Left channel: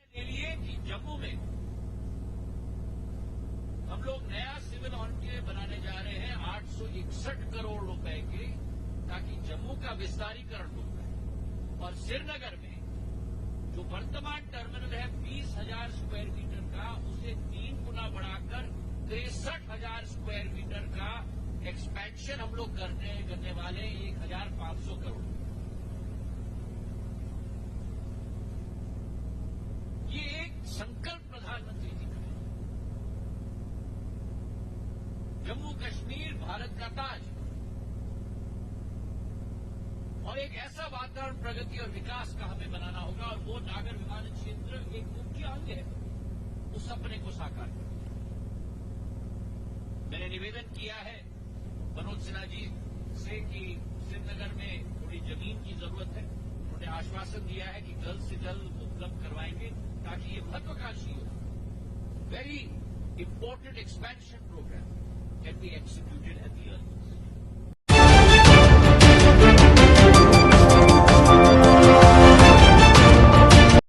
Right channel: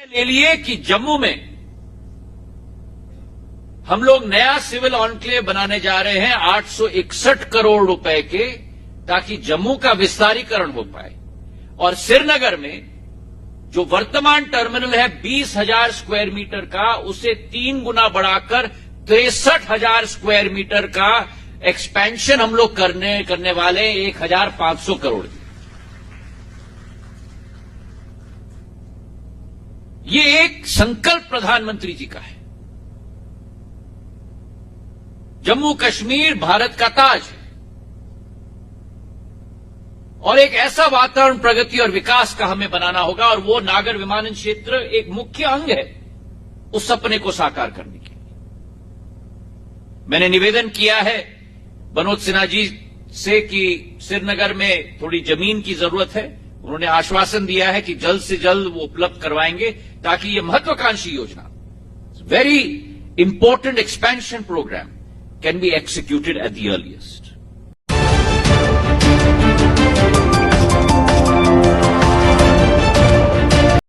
ले लिए कि जम्मू में हम लोग नया सिविल ऑनक्लेव बनाने जा रहे हैं 861 करोड़ रुपए के, ताकि जम्मू का विस्तारीकरण हो पाए। और श्रीनगर में जो वर्तमान टर्मिनल है 20,000 स्क्वायर मीटर का, उसे 3 गुना बढ़ाकर 63,000 स्क्वायर मीटर का एक्सपेंशन हम लोग करने वाले 1,500 करोड़। ये एक संकल्प प्रधानमंत्री जी का है। जम्मू कश्मीर भारत का ताज है और एक ऐसा वातावरण प्रगति और विकास का हमें बनाना होगा, और वो नागर विमानन क्षेत्र एक मुख्य अंग है उस सपने को साकार करने के लिए। मैंने निवेदन किया है मनोज सिन्हा जी से कि श्रीनगर में थोड़ी जमीन की जरूरत है। उन्होंने आश्वासन दिया है कि जल्द से जल्द वो उपलब्ध करवाएंगे, ताकि ये महत्वाकांक्षी योजना, very important expansion programme, can be executed at the earliest.